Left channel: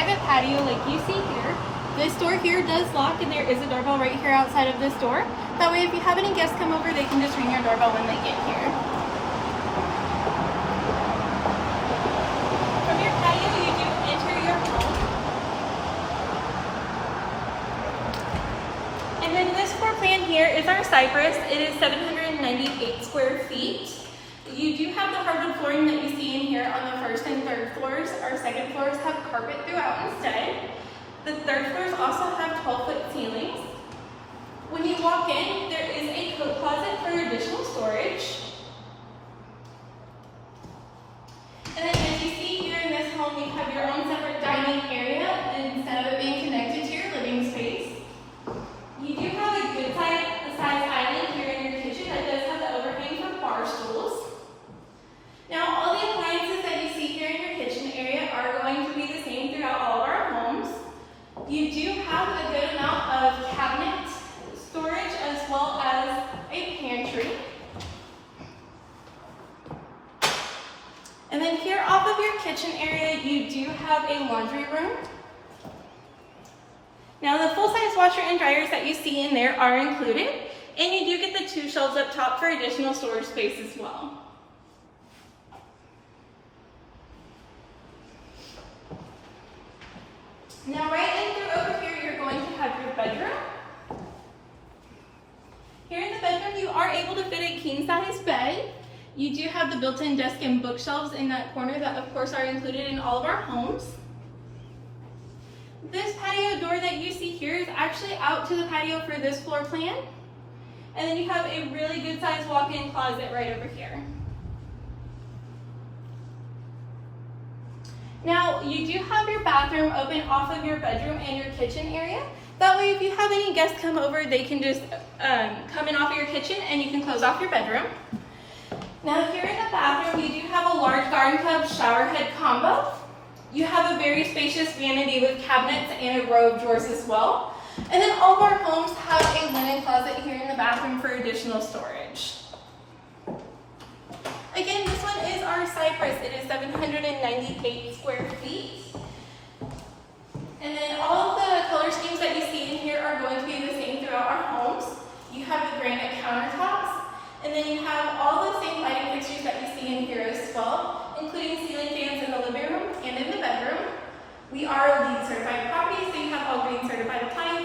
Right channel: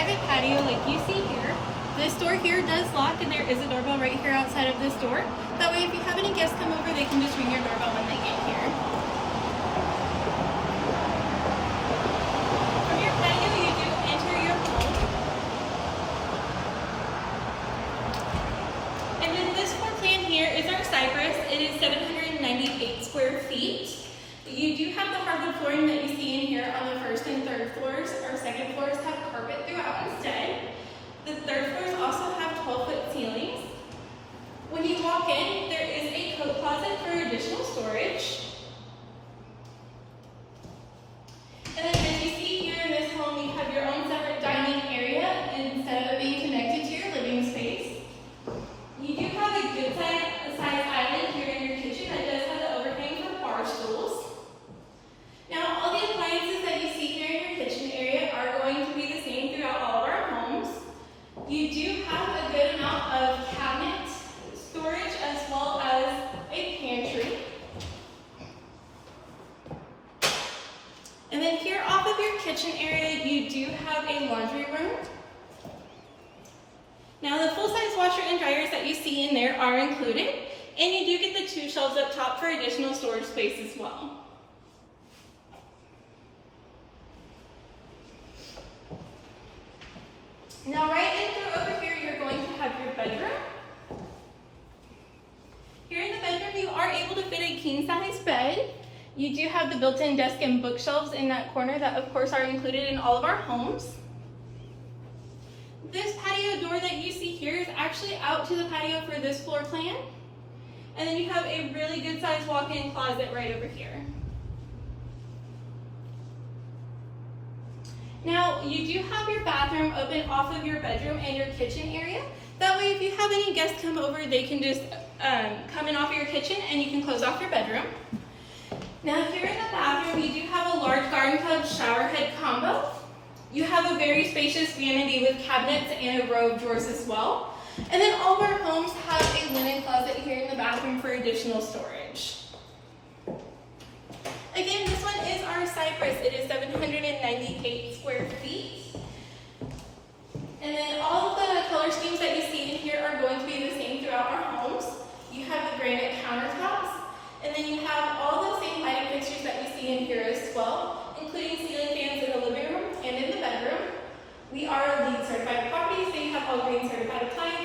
private patio like you see here. This door here does lock and there is a doorbell right here outside of this door. That way if you have any guests come over, they can just ring your doorbell when they get here. From your patio, you do enter your home. And then this floor plan here is our Cypress. It is 798 square feet. You do have the hardwood flooring that you see in here on the first and third floors. Our second floors have carpet throughout instead. The third floors also have 12-foot ceilings. When you walk in, there is a coat closet for additional storage. And then as you see here in this home, you have your own separate dining area instead of it being connected to your living space. You do have a good size island here in your kitchen that does have the overhang for bar stools. Now, all the appliances that you see here in your kitchen area are going to be the same throughout all of our homes. You do have a good amount of cabinet storage as well as a pantry. And then here off of your kitchen area, you do have a laundry room. Now the full-size washer and dryers that you see in there are included, and you do get the 2 shelves up top for additional storage space as well. Now right in through over here, you're going to have your bedroom. Here in the bedroom, you are able to fit a king-size bed. You do have the built-in desk and bookshelves in that corner that of course are included in all of our homes. This patio door that you see here is actually out to the patio for this floor plan. And then you have a really good sized walk-in closet right over here. Now, you do have your bathroom open off of your bedroom and your kitchen area. That way, if you have any guests come over, they can just come in off of your kitchen and you can close off your bedroom. Now, here in the bathroom, you do have a large garden tub shower head combo. You have a very spacious vanity with cabinets and a row of drawers as well. And then all of our homes have a linen closet here in the bathroom for additional storage. Again, this one is our Cypress. It is 798 square feet. And then all of the color schemes that you see in here are going to be the same throughout our homes. You have the granite countertops, and then you have all the same lighting fixtures that you see in here as well, including ceiling fans in the living room and in the bedroom. We are LEED certified property, so you have all green certified appliances.